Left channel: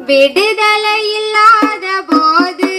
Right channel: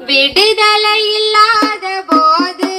விடுதலை இல்லாத போது